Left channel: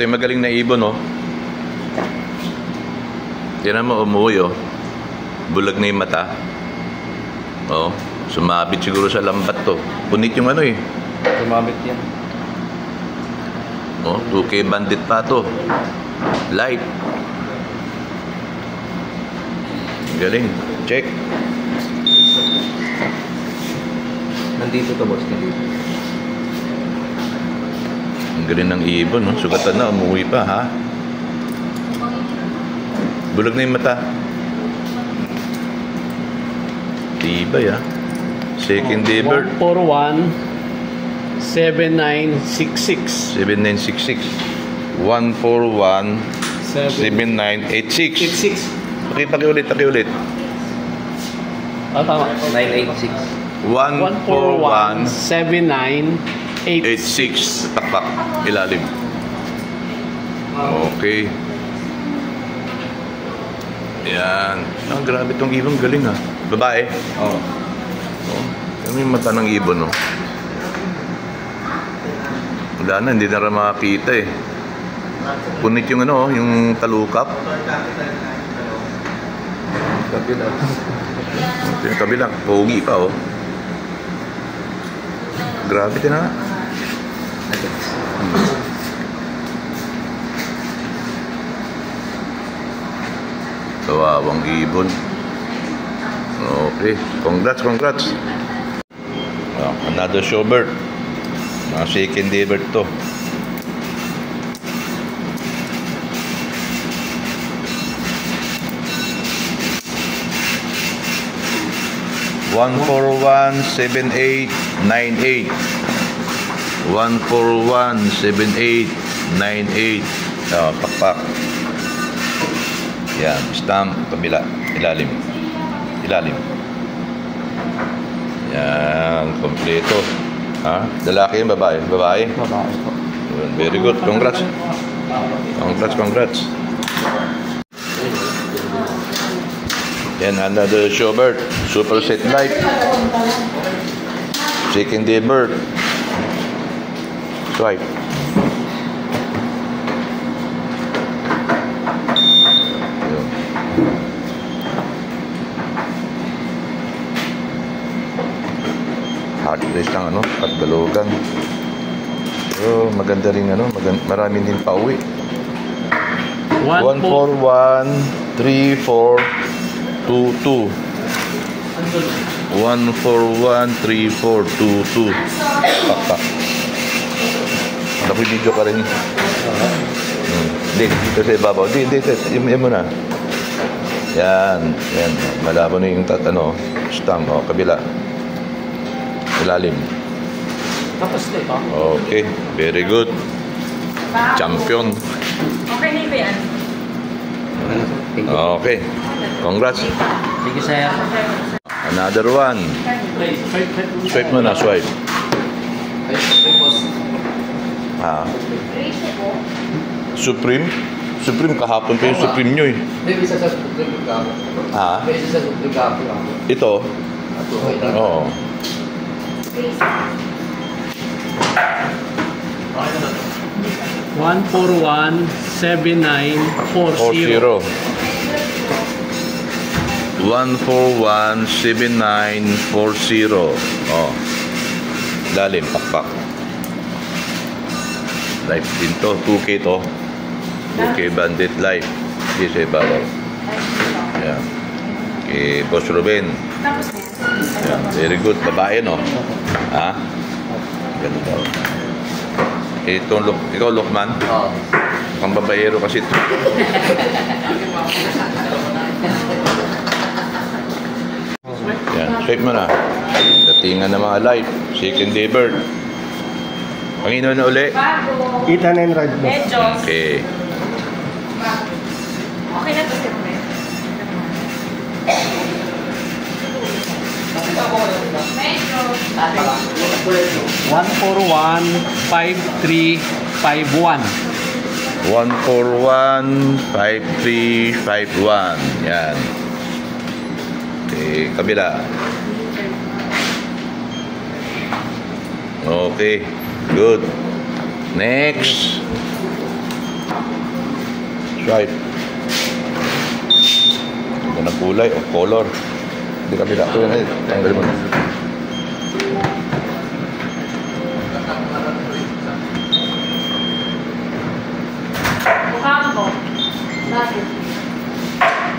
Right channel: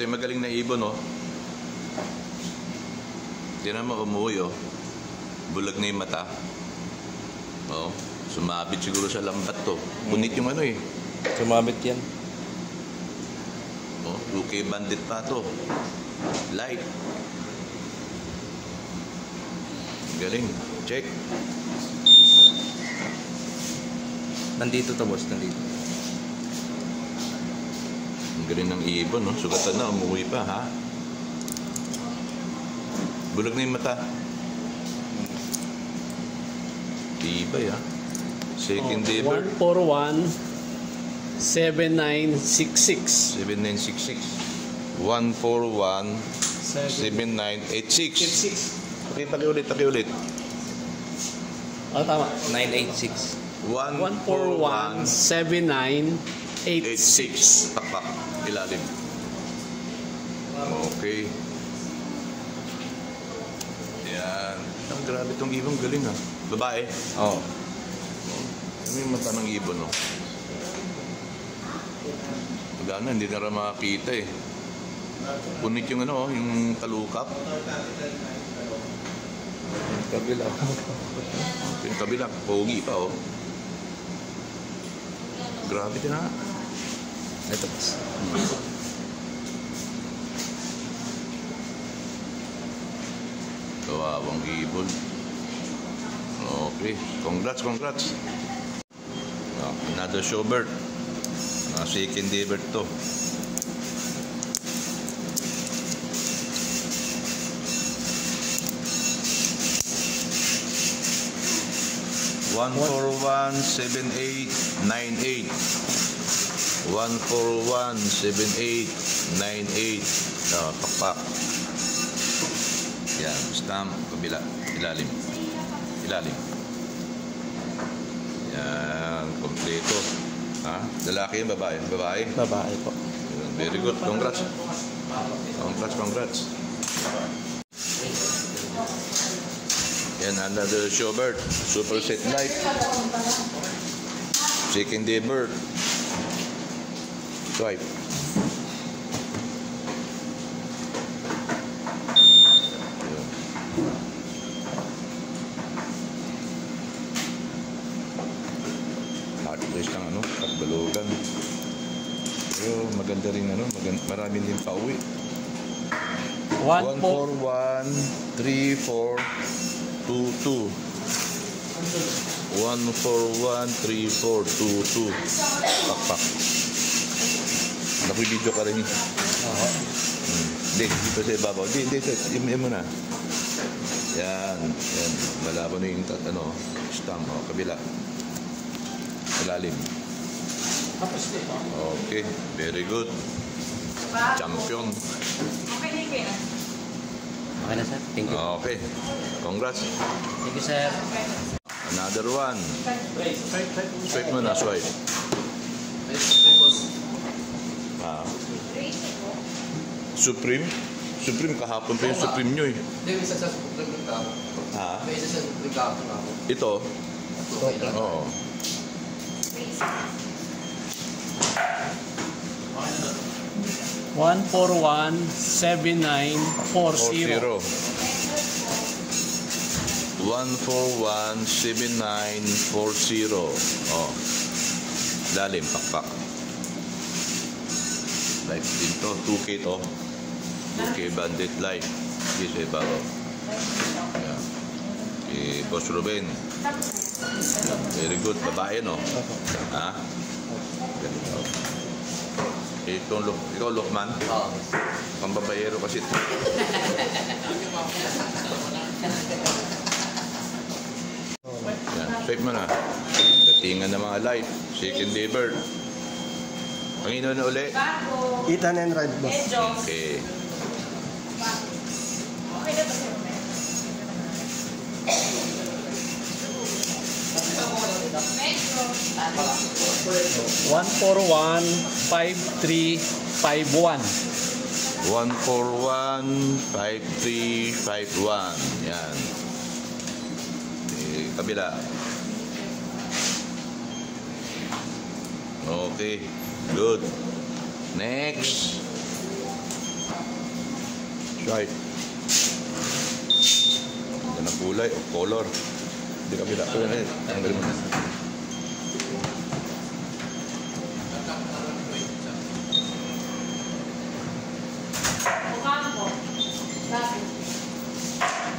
Ito yung magaling na ibon, oh. Tiyan mo, umuwi, oh. Bulag na yung mata. Oh, sumabit siguro sa lambat to. Punit yung ano, eh. Sumabit yan. Oh, 2K bandit pa to. Light. Galing. Check. Nandito to, boss. Ang galing ng ibon, no? Sugatan na, umuwi pa, ha? Bulag na yung mata. Tibay, ha? Second day bird. 141 7966. 7966. 141 7986. 86. Pakiulit. Ah, tama. 986. 141 7986. 86. Takpak. Ilalim. Okay. Yan. Ah, grabe tong ibon. Galing, ha? Babae. Oh. Ano yung mata ng ibon, no? Wala na, hindi na rin makakita, eh. Punit yung ano, yung talukap. Kabila. Yung kabila, pogi pa, oh. Grabe din, ha? Kawawang ibon. Okay, congrats. Another showbird. Mga second day bird to. One four one 7898. 141 7898. Oh, pakpak. Yan, stamp, kabila, ilalim. Yan, kompleto. Ha? Lalaki yung babae? Babae? Babae po. Very good. Congrats. Yan, another showbird. Super set light. Second day bird. Swipe. Hard place lang, ano, pagdalugan. So, maganda rin, ano, marami din pa uwi. 141 3422. 141 3422. Pakpak. Nakibidyo ka rin. Hindi, dito sa ibabaw. Hindi, yung mo na. Yan. Malabo na yung tatano. Stamp, o, kabila. Ilalim. Tapos ito. Okay, very good. Champion. Okay na ba yan? Thank you. Okay, congrats. Thank you, sir. Another one. Swipe mo na, swipe. Ah. Supreme? Supreme, kahapon pa yung Supreme nyo, eh. May isa sa Supreme Kapo. Ha? May isa sa Supreme Kapo. Ito? Oo. 141 7940. 141 7940. Oh. Lalim, pakpak. Live din to, 2K to. 2K bandit live. Hindi sa ibabaw. Yan. Okay, Boss Ruben. Yan, very good. Babae, no? Ha? Ganito. Ikaw, Lukman? Oo. Ang babaero kasi ito. Yan, swipe mo na. Datingan ng mga live. Second day bird. Panginoon na uli. Kita na yung red boss. Medyo. Okay. Okay na to, sir. 141 5351. 141 5351. Yan. Okay, kabila. Okay, good. Next. Right. Ito ng kulay o color. Hindi kami na. Ito yun eh. Tanggalin mo na. Mukha mo. Bakit?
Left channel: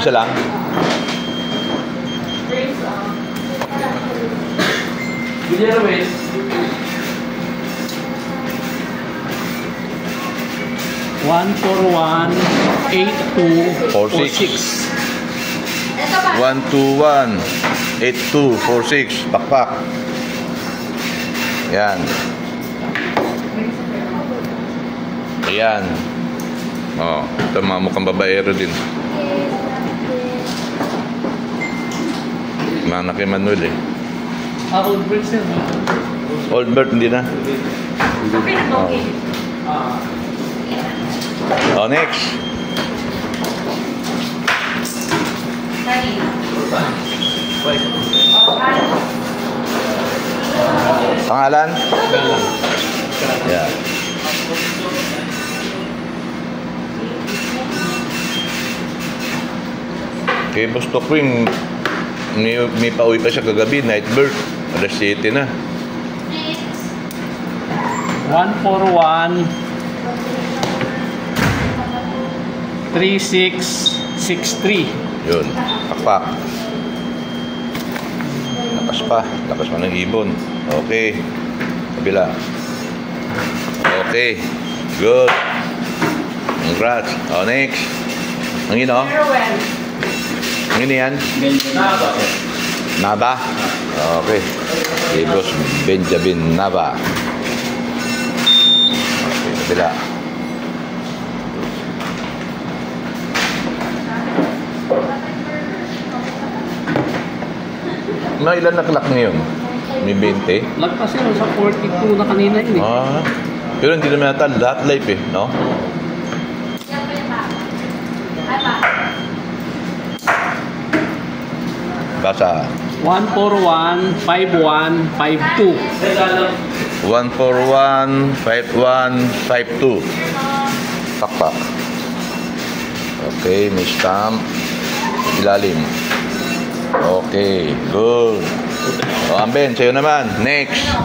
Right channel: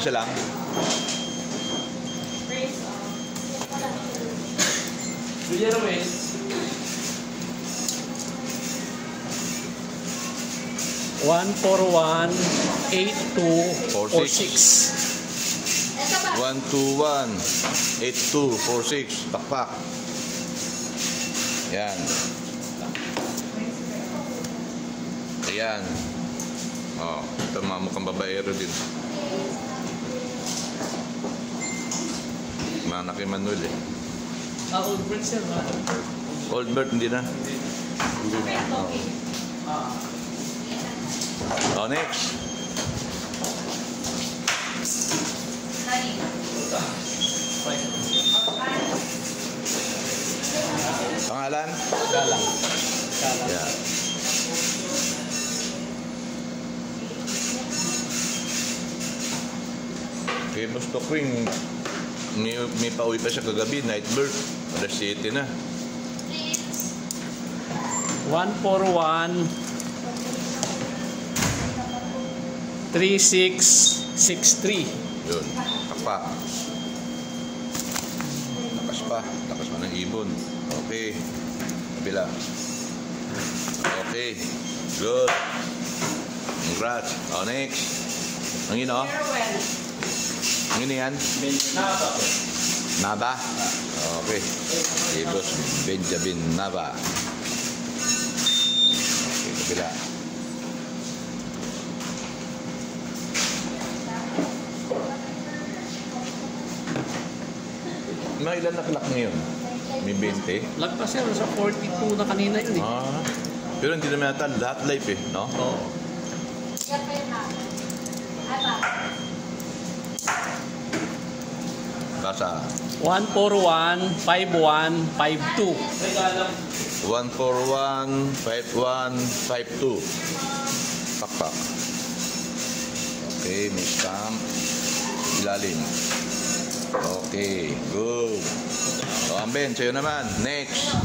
Isa lang. Drinks, Villar West. 141-8246. Ito ba? 121-8246. Pakpak. Yan. Ayan. Oh, ito mga mukhang babaero din. Mana kay Manuel eh. Old Bridge din. Old Bird hindi na. Okay, okay. Oh, next. Sorry. Pangalan? Galang. Yan. Kay Boss Queen, may pauwi pa siya kagabi, night bird. Alas 7 na. 141-3663. Yun, pakpak. Lakas pa ng ibon. Okay. Kabila. Okay. Good. Congrats. Oh, next. Ang ino? Farewell. Ang ino yan? Nava? Okay. Kay Boss Benjamin Nava. Okay, kabila. Mga ilan na clock ngayon? May 20? Lagpas yun sa 42 na kanina yun eh. Ah. Pero hindi naman yata lahat live eh, no? Basa. 141-5152. 141-5152. Pakpak. Okay, may stamp. Ilalim. Okay, good. O, Amben, sa'yo naman. Next. Sir,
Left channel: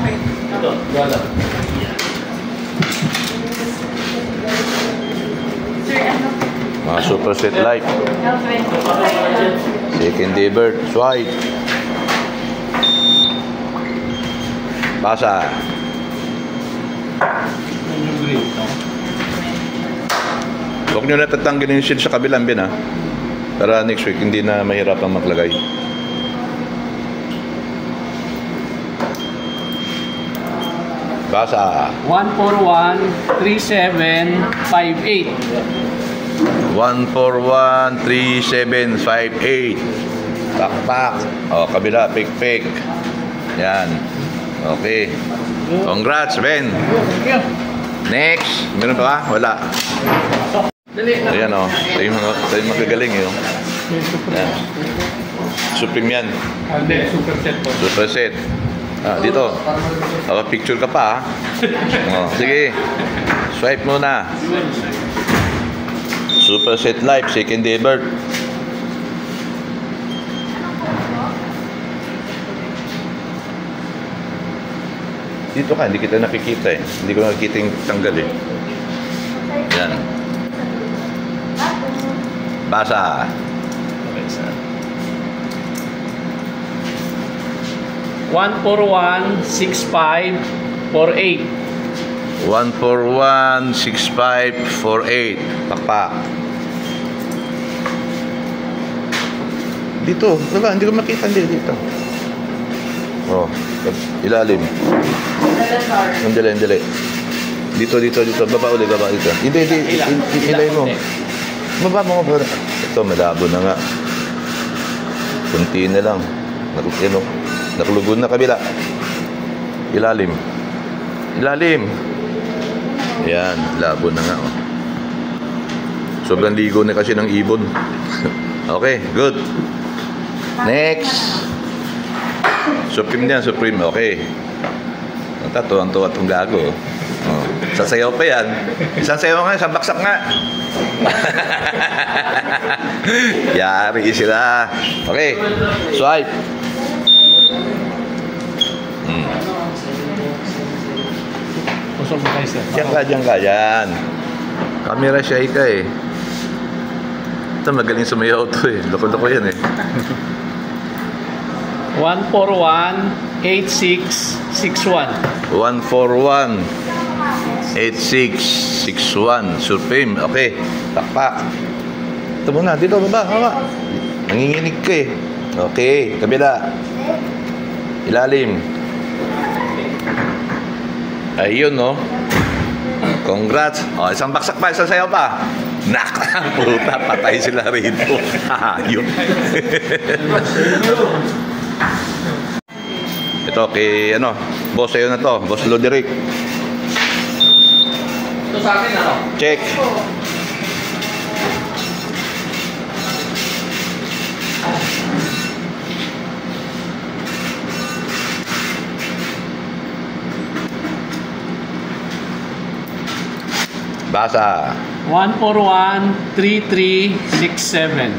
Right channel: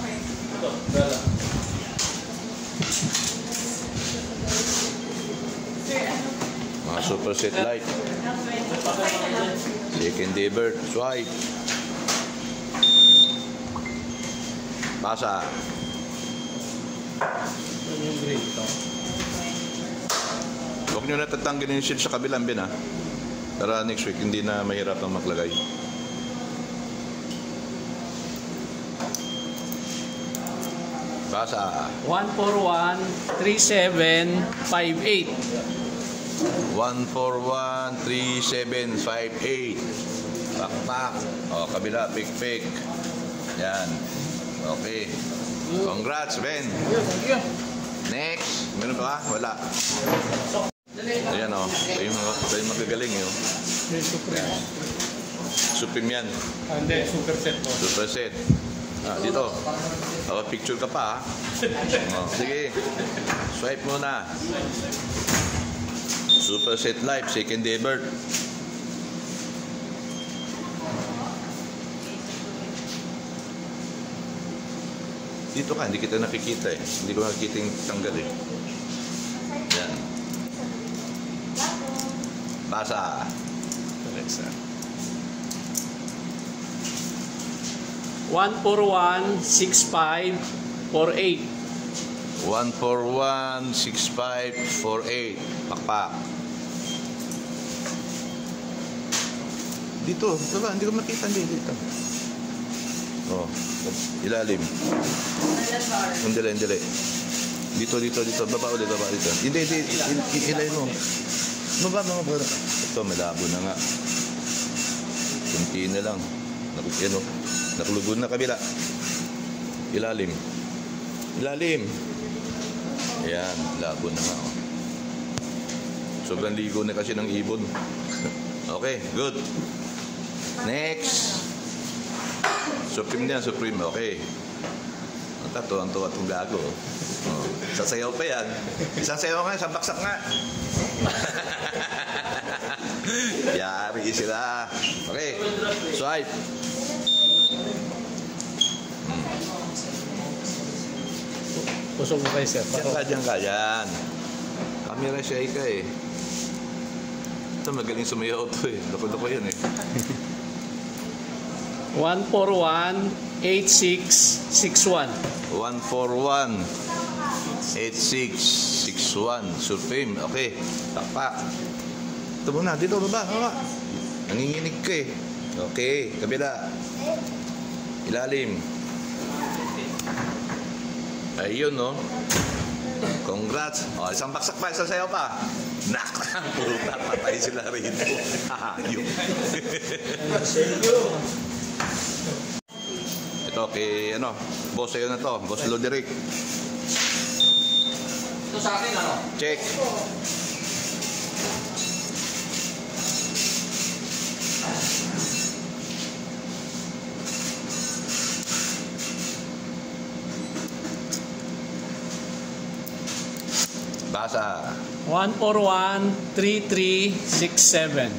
ano? Mga super set life. Second day bird. Swipe. Basa. Huwag nyo na tatanggalin yung shield sa kabilang bin, ha? Para next week, hindi na mahirapang maglagay. Basa. 141-3758. 141-3758. Pakpak. O, kabila. Pik-pik. Yan. Okay. Congrats, Ben. Next. Meron pa ba? Wala. Ayan o. Tayo magagaling yun. Yan. Supreme yan. Hindi, super set po. Super set. Ah, dito. Picture ka pa, ha? Oh, sige. Swipe muna. Super set life, second day bird. Dito ka, hindi kita nakikita eh. Hindi ko nakikita yung tanggal eh. Yan. Basa. 141-6548. 141-6548. Pakpak. Dito. Baba, hindi ko makita. Dito. Oh, ilalim. Hindi. Dito. Baba ulit, dito. Hindi. Ilay mo. Baba mo. Ito, malabo na nga. Kunti na lang. Nakulugod na kabila. Ilalim. Yan, labo na nga. Oh. Sobrang ligo na kasi ng ibon. Okay, good. Next. Supreme yan, Supreme. Okay. Tuwa-tuwa itong gago. Oh, sasayaw pa yan. Isang sayaw nga, isang baksak nga. Yari sila. Okay, swipe. Usok mo kayo, sir. Diyan ka, yan. Camera shy ka eh. Ito, magaling sumayaw to eh. Loko-loko yan eh. 141-8661. 141-8661. Surfame. Okay. Takpak. Ito muna. Dito, baba. Hawa. Nanginginig ka eh. Okay. Kabila. Ilalim. Ayun, no? Congrats. O, isang baksak pa. Isang sayaw pa. Nak! Puta, patay sila rito. Ayun. Ito, kay, ano, boss sa'yo na to. Boss Loderick. Ito sa akin, ano? Check. Basa. 141-3367.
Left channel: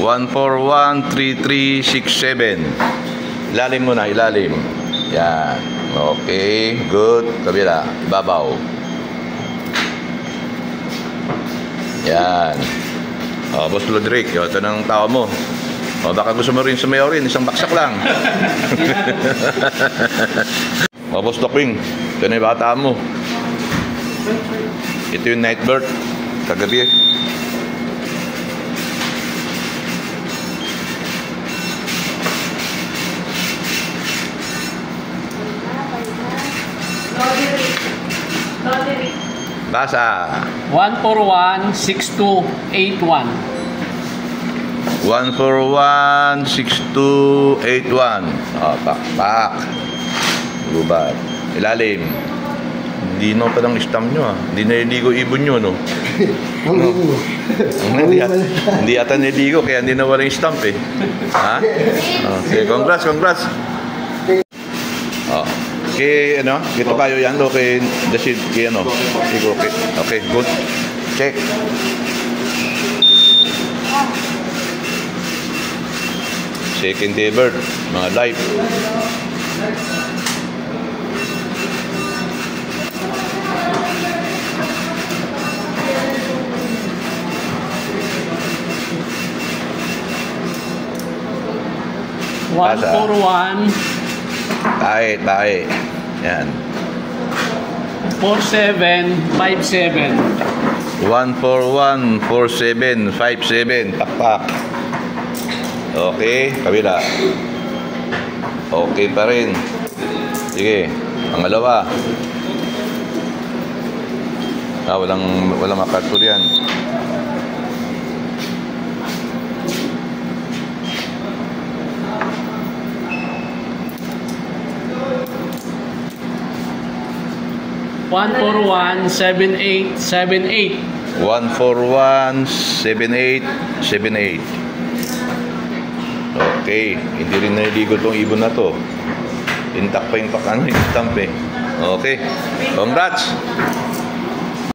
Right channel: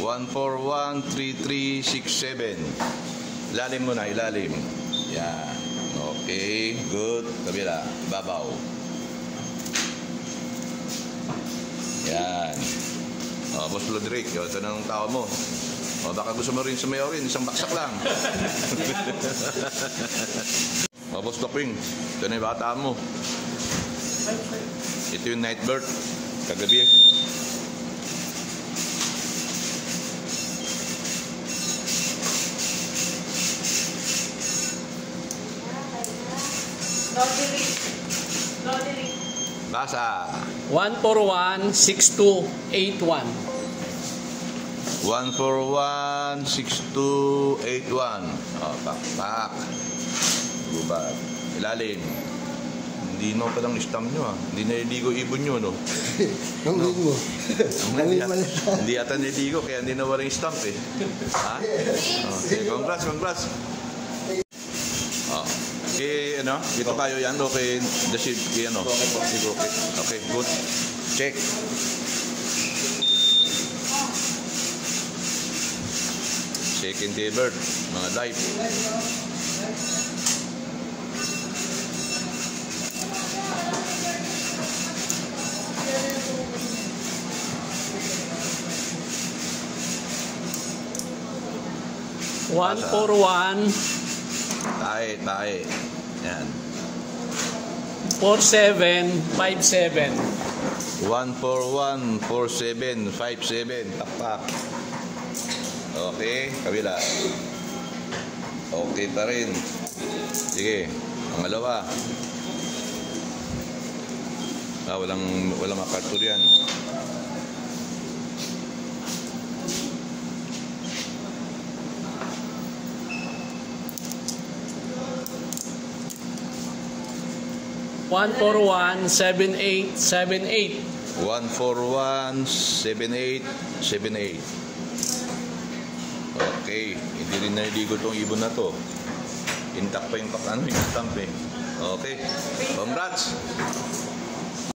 141-3367. Ilalim muna, ilalim. Yan. Okay, good. Kabila, ibabaw. Yan. O, Boss Lodrick, ito ng tao mo. O, baka gusto mo rin sumayaw rin, isang baksak lang. O, Boss Docking, ito na yung bata mo. Ito yung night bird, kagabi. Basa. 141-6281. 141-6281. O, pak. Gubat. Ilalim. Hindi no pa ng stamp nyo ah. Hindi naliligo ibon nyo no. Hindi ata naliligo kaya hindi nawala yung stamp eh. Ha? Okay, congrats. Oh. Okay, ano? Kito kayo yan do kay Dasid kay ano? Okay. Okay, good. Check. Second day bird, mga live. Basa. 141 Tae. Yan. 4757. 141-4757. Takpak. Okay, kabila. Okay pa rin. Sige, pangalawa. Walang makartur yan. One for 17878. 141-7878. Okay, hindi rin naliligo tong ibon na to. Intact pa yung stamp eh. Okay, congrats!